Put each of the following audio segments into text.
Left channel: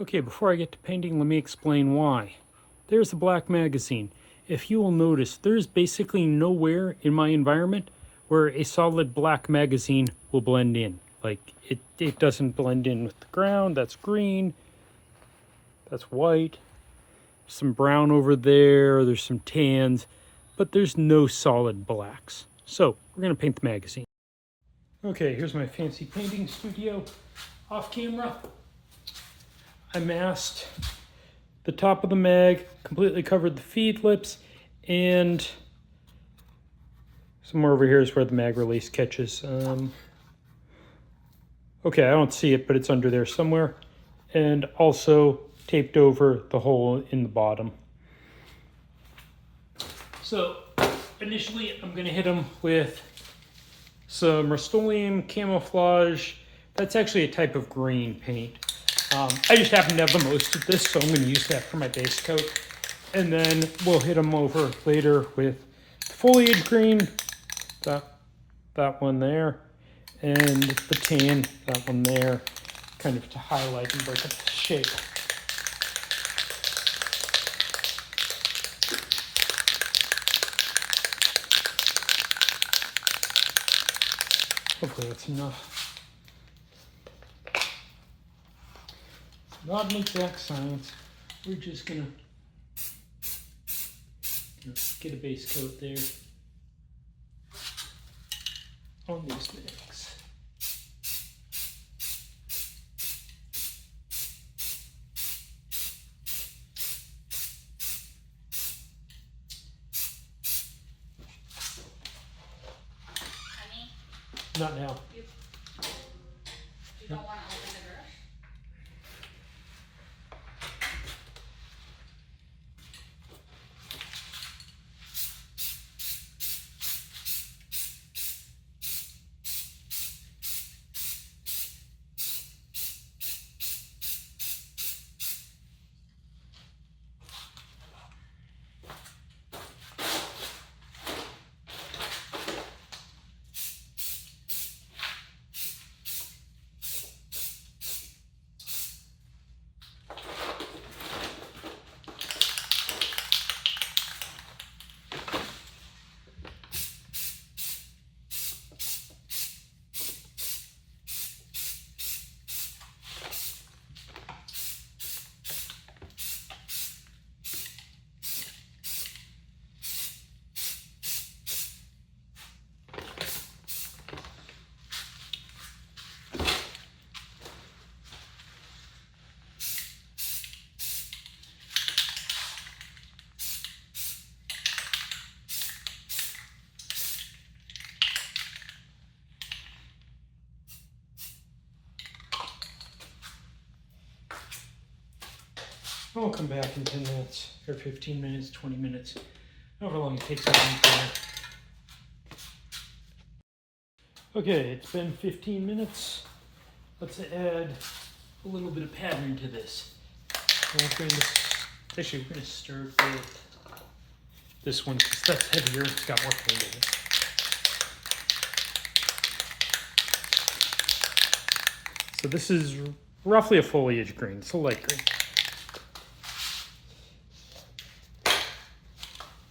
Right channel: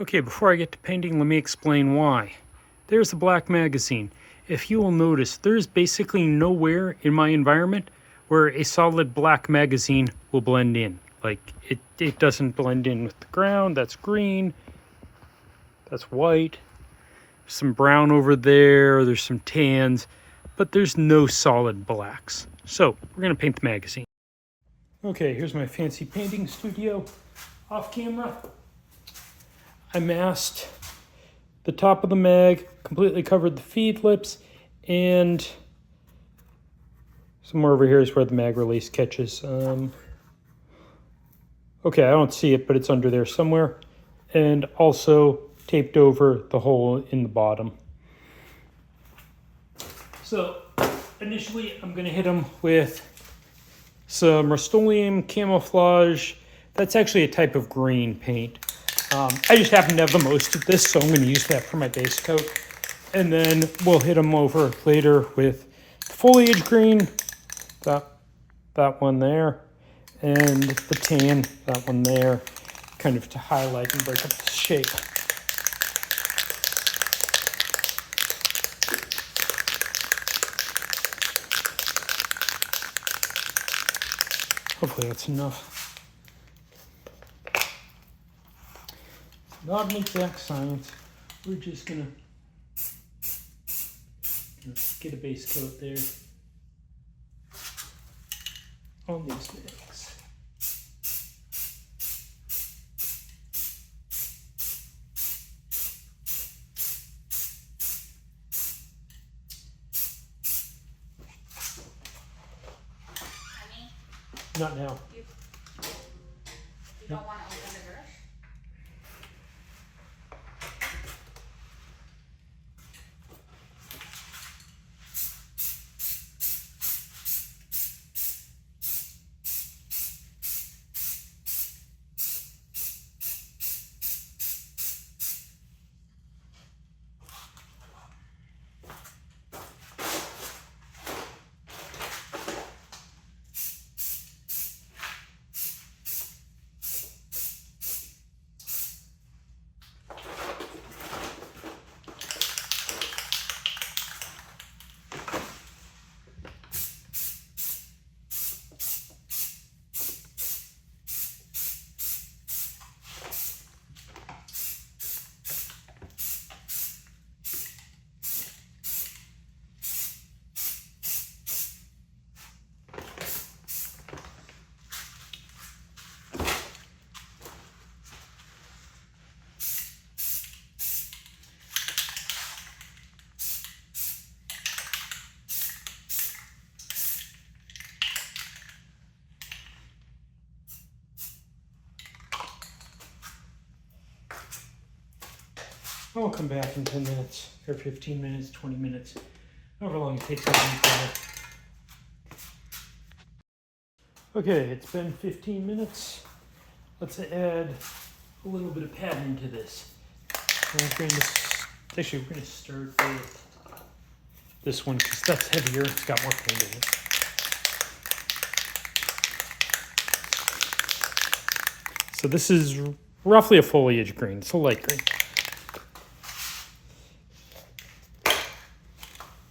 Okay, before I get to painting, let me explain why. There's the black magazine. If you will notice, there's basically nowhere in my environment where a solid black magazine will blend in. Like, it doesn't blend in with the ground. That's green. That's white. Some brown over there. There's some tans. But there's no solid blacks. So, we're going to paint the magazine. Okay, here's my fancy painting studio off camera. I masked the top of the mag, completely covered the feed lips, and somewhere over here is where the mag release catches. Okay, I don't see it, but it's under there somewhere. And also taped over the hole in the bottom. So initially I'm gonna hit them with some Rust-Oleum camouflage. That's actually a type of green paint. I just happen to have the most of this, so I'm going to use that for my base coat. And then we'll hit them over later with foliage green, that one there, and the tan, that one there, kind of to highlight and break up the shape. Hopefully that's enough. Not an exact science. We're just gonna get a base coat there on these bags. Honey? Not now. You don't want to open the garage? I'll come back in 10 minutes, or 15 minutes, 20 minutes, however long it takes to paint. Okay, it's been 15 minutes. Let's add a little bit of pattern to this. We're going to start with this one because that's heavier. It's got more paint in it. So this is roughly a foliage green, so light green.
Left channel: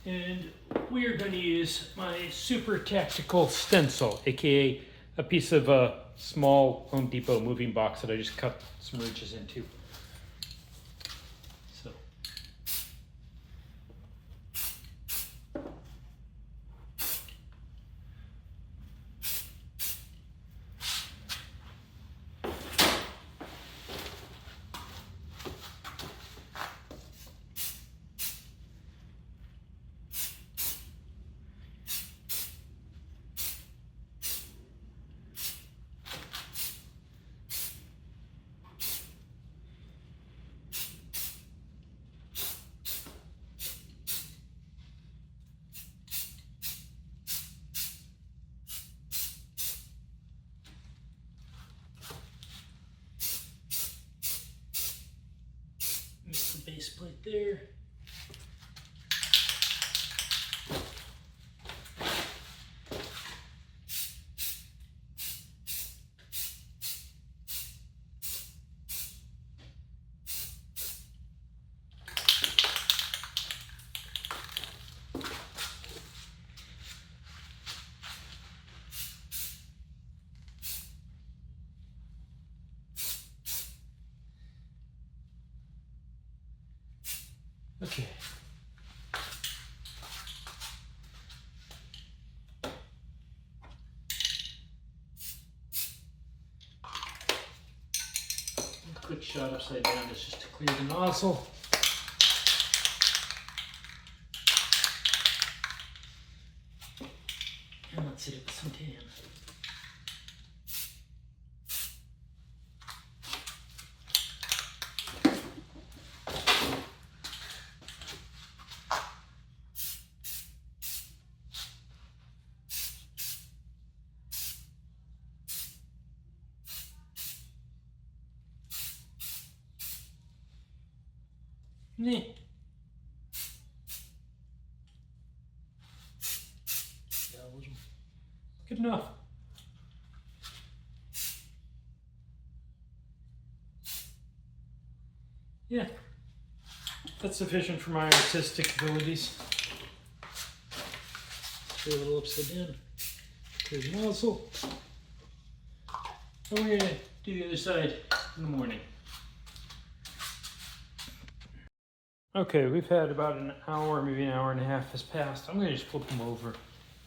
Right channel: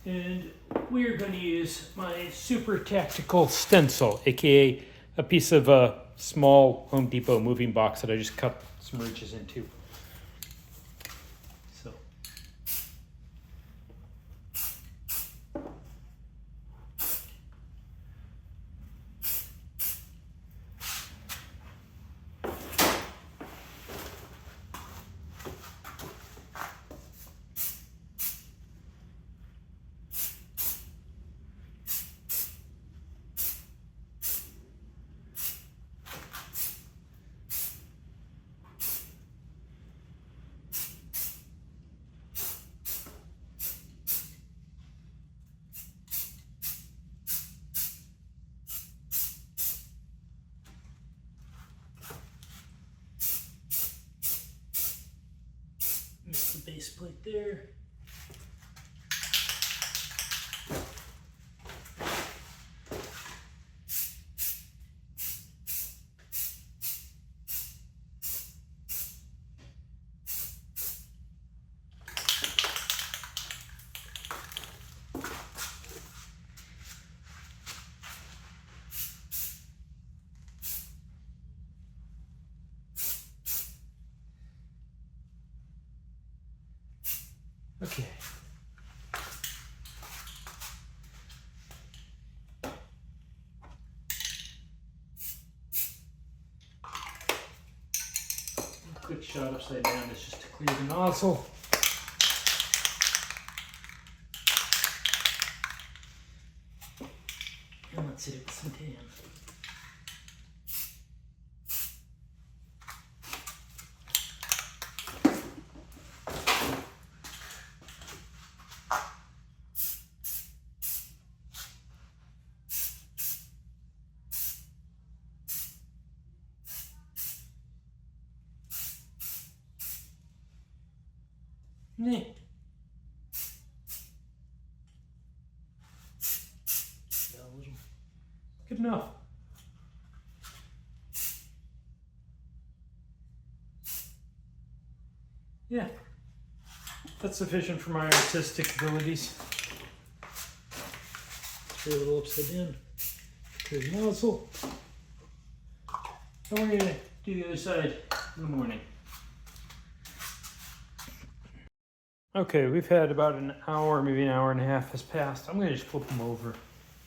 And we are going to use my super tactical stencil, aka a piece of a small Home Depot moving box that I just cut some ridges into. So. Mix the base plate there. Okay. A quick shot upside down is just to clear the nozzle. And let's hit it with some tan. Yeah. Yeah, a little. Good enough. Yeah, that's sufficient for my artistic abilities. Throw a little upside down. Clear the nozzle. And we're gonna do the other side in the morning. Okay, we've had about an hour, maybe an hour and a half has passed. I'm gonna just flip them over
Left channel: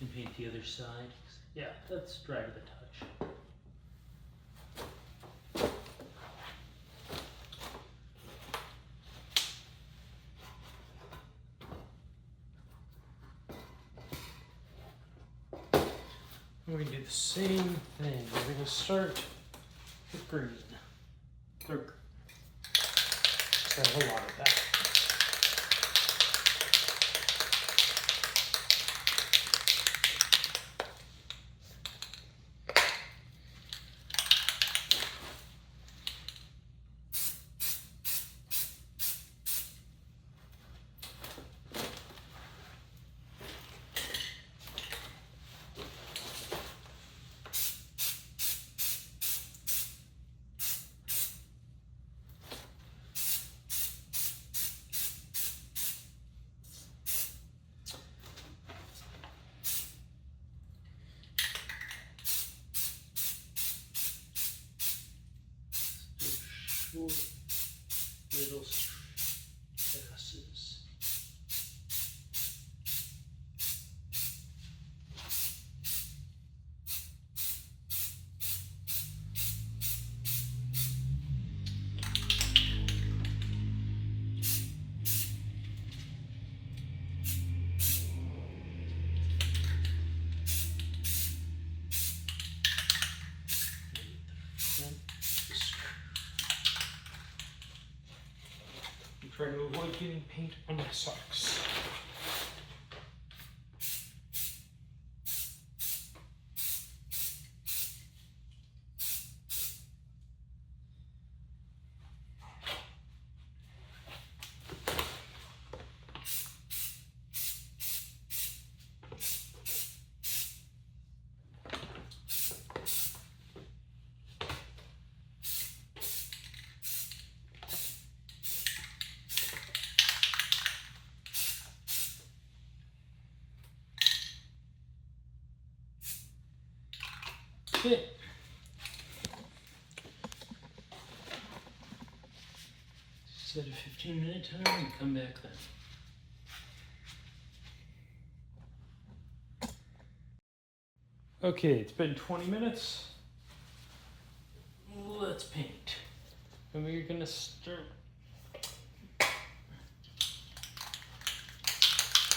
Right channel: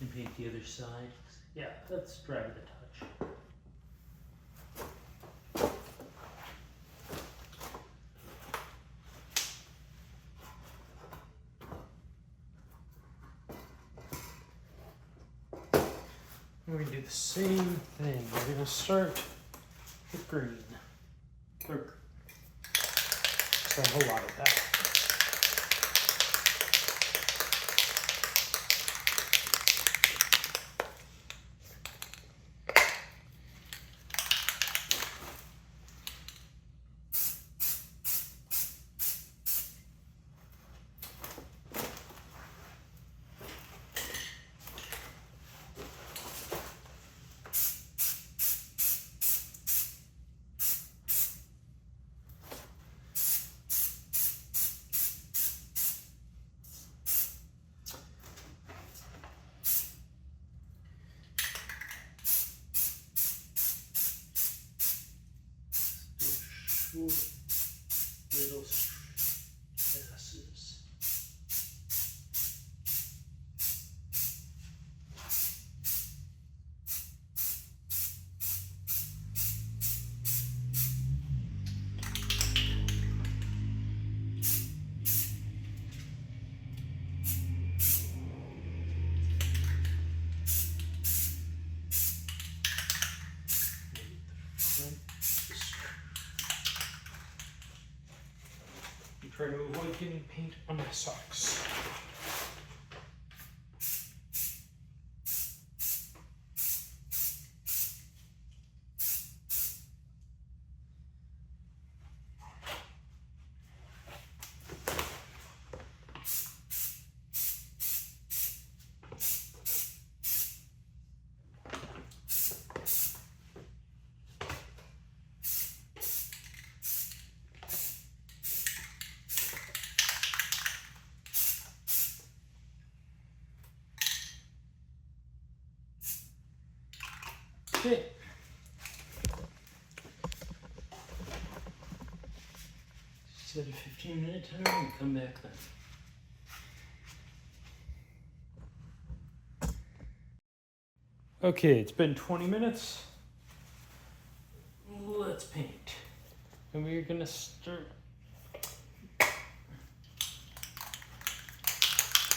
and paint the other side. Yeah, that's dry to the touch. We're gonna do the same thing. We're gonna start with green. Dark. Just a whole lot of that. Short little passes. I'm trying to avoid getting paint on my socks. Okay. Set a 15-minute timer and come back then. Okay, it's been 20 minutes. Let's paint. And we're gonna start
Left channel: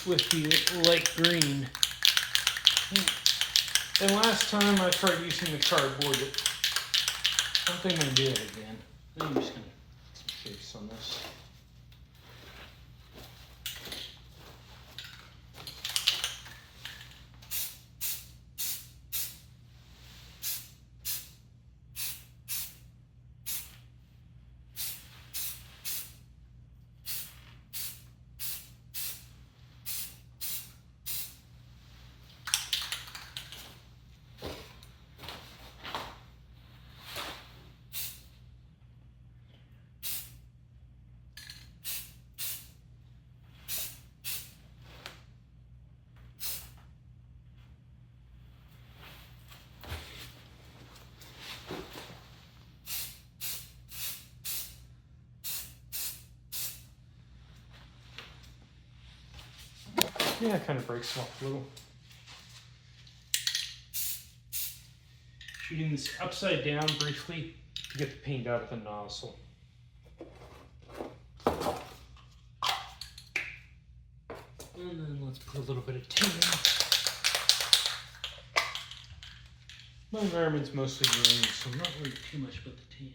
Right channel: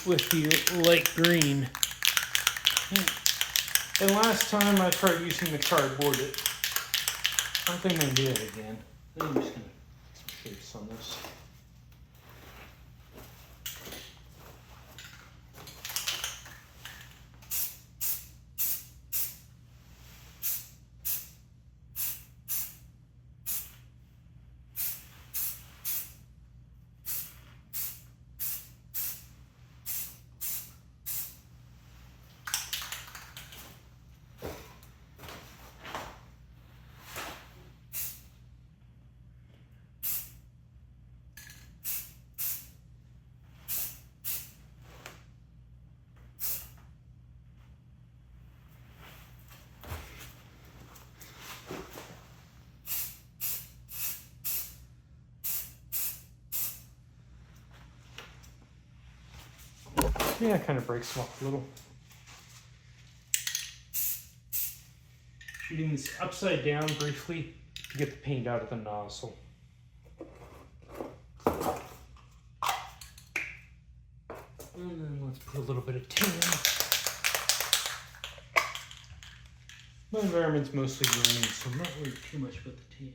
with the light green. And last time I tried using the cardboard, I don't think I'm gonna do it again. I think I'm just gonna trace on this. Yeah, it kind of breaks them up a little. Shooting this upside down briefly to get the paint out of the nozzle. And then let's put a little bit of tan. My environment's mostly green, so I'm not worried too much about the tan.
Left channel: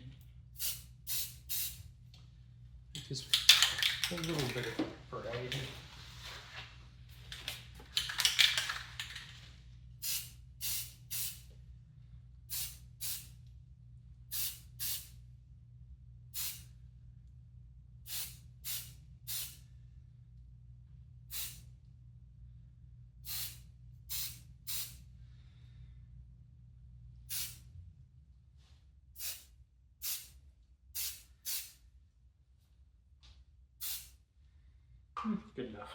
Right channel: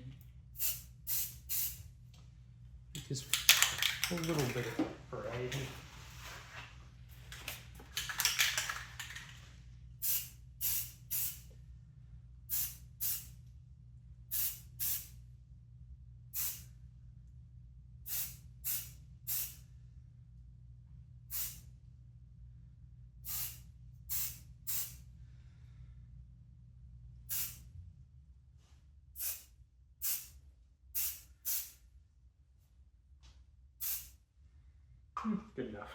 Just a little bit of variety. Good enough.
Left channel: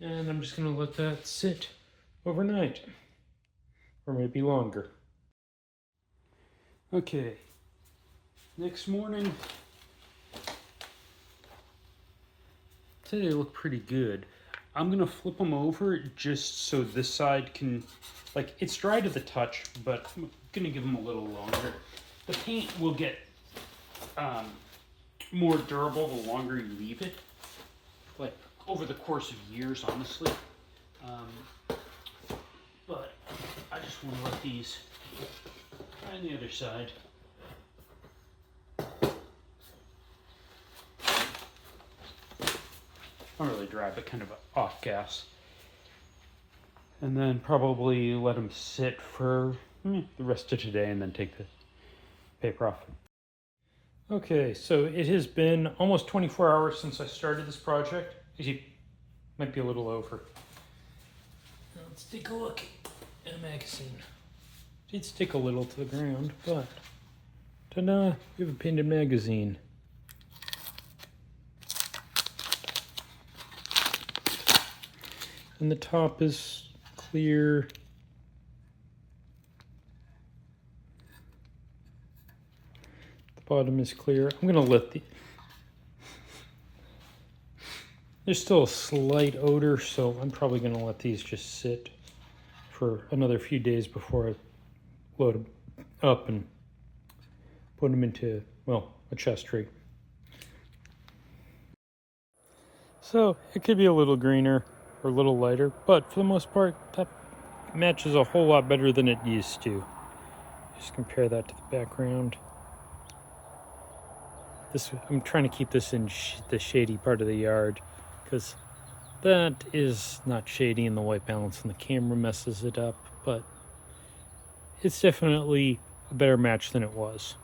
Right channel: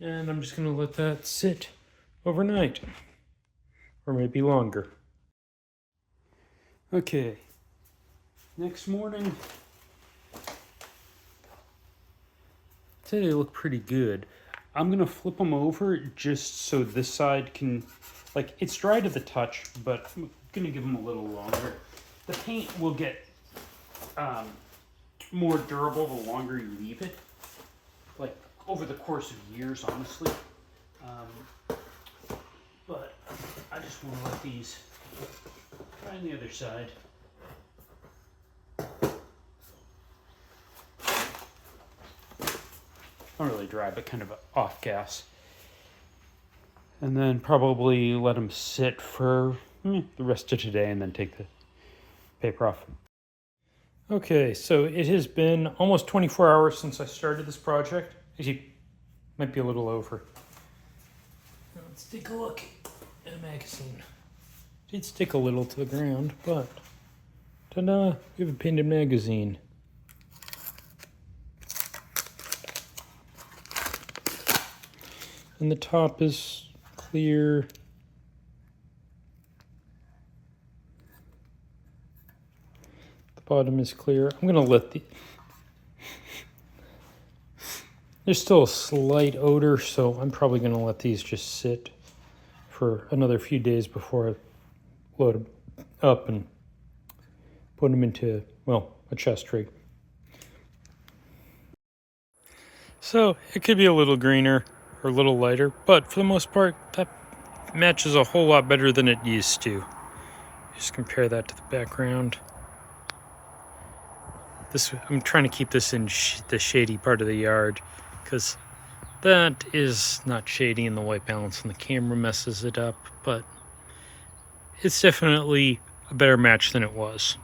And I'm just going to let that sit overnight, or maybe longer. Okay, next morning, today look pretty good. I'm going to flip them over just so this side can, like, it's dry to the touch, but I'm going to give them a little longer. The paint will get more durable the longer you leave it, like over the course of years, honestly. But I just want to let these try on the other side. Not really dry, but kind of off gas. And then probably let them sit for the rest of today and then take the paper off. Okay, so it has been almost 24 hours since I started this project. Actually, might be a little over. Let's take a look at a magazine. Did stick a little to the ground, but ta-da, we have a painted magazine. And the top is clear. The bottom is clear. I'm gonna let the... There's still a slight odor, so I'm probably gonna let these just sit for another few days before I load them up and put them into, well, a chest rig. So it could be a little greener or a little lighter, but for the most part, that matches a whole lot better than it used to. Just compare that to the background. I'm trying to keep this in the shady part of the yard, because that is not shady and the white balance on the camera messes it up, but it's definitely a better match than it was.